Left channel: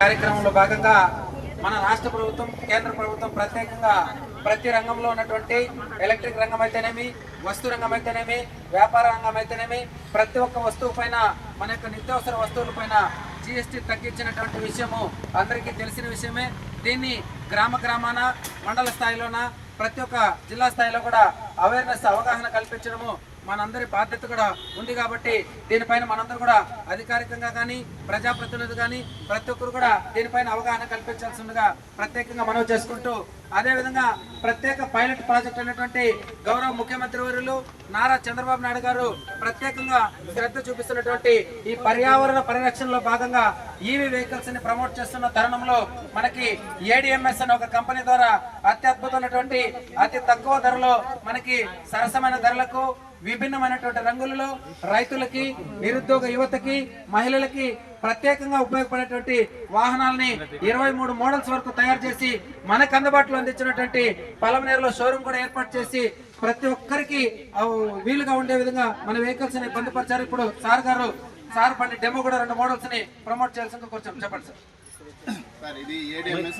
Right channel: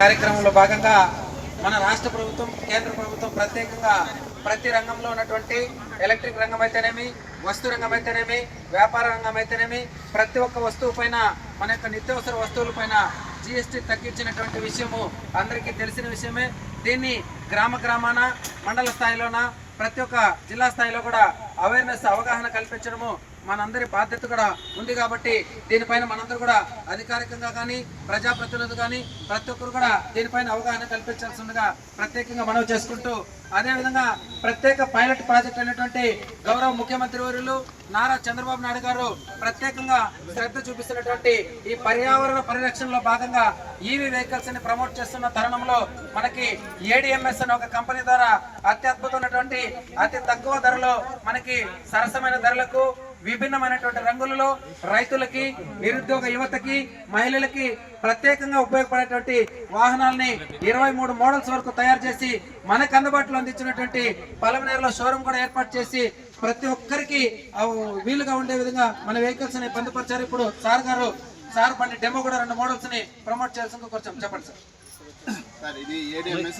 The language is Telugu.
కార్యక్రమంలో భాగంగా మన రాష్ట్ర ప్రభుత్వం కేంద్ర ప్రభుత్వం ప్రత్యేకంగా ప్రతి రంగంలో ఉన్నటువంటి ఎలక్ట్రిక్ రంగం అయితేనేమి, వస్తు రంగం అయితేనేమి, వ్యాపార రంగం అయితేనేమి, ప్రతి ఒక్క వస్తువు పైన మన యొక్క నిత్యావసర వస్తువుల పైన జిఎస్టీ తగ్గించినటువంటి విషయము అందరికీ తెలిసిన విషయమే. దీన్ని గ్రామాన మండల స్థాయిలోన ప్రతి ఒక్క జిల్లా స్థాయిలో కూడా అవగాహన కల్పించడము మనందరి బాధ్యత కూడా ఉంది. కాబట్టి దీనిపైన మనందరూ కూడా అధికారికంగా కానీ ప్రజాప్రతినిధులు కానీ ప్రతి ఒక్కరు కూడా దీనిపైన అవగాహన కల్పించాల్సిందిగా ప్రత్యేకంగా మనవి చేసుకుంటూ, అదేవిధంగా ప్రత్యేక పైలట్ ప్రాజెక్ట్ అయినటువంటి గౌరవ ముఖ్యమంత్రి వర్యులు నారా చంద్రబాబు నాయుడు గారు ప్రత్యేకంగా శ్రద్ధ చూపిస్తున్నటువంటి ఈ పర్యావరణ పరిరక్షణలో భాగంగా ఈవీ వెహికల్స్ ని ప్రమోట్ చేస్తున్న తరుణంలో మనకి ఏడిఎంఎస్ అనే ఒక కంపెనీ ద్వారా అత్యద్భుతమైనటువంటి అతి తక్కువ ధరలో మనకి సరసమైన ధరలకు విభిన్నమైనటువంటి రంగులలో రైతులకి, నిరుద్యోగ యువతకి, మహిళలకి ప్రత్యేకంగా ఉపయోగపడేటువంటి వాహనాలని 23 మోడల్స్ వరకు తయారు చేసి మనకు అందుబాటులో అందించినటువంటి పలమనేరులో షోరూమ్ కూడా ఏర్పాటు చేసి ప్రతి ఒక్కరికి వీలుగా ఉండే విధంగా మన వెహికల్స్ ని పొందుపరిచారు. ఇప్పుడు సార్ బండి డెమో కూడా 2 మోడల్స్ ని ప్రమోట్ చేయాల్సిందిగా కొంచెం చెప్పండి సార్. ఇది ADMS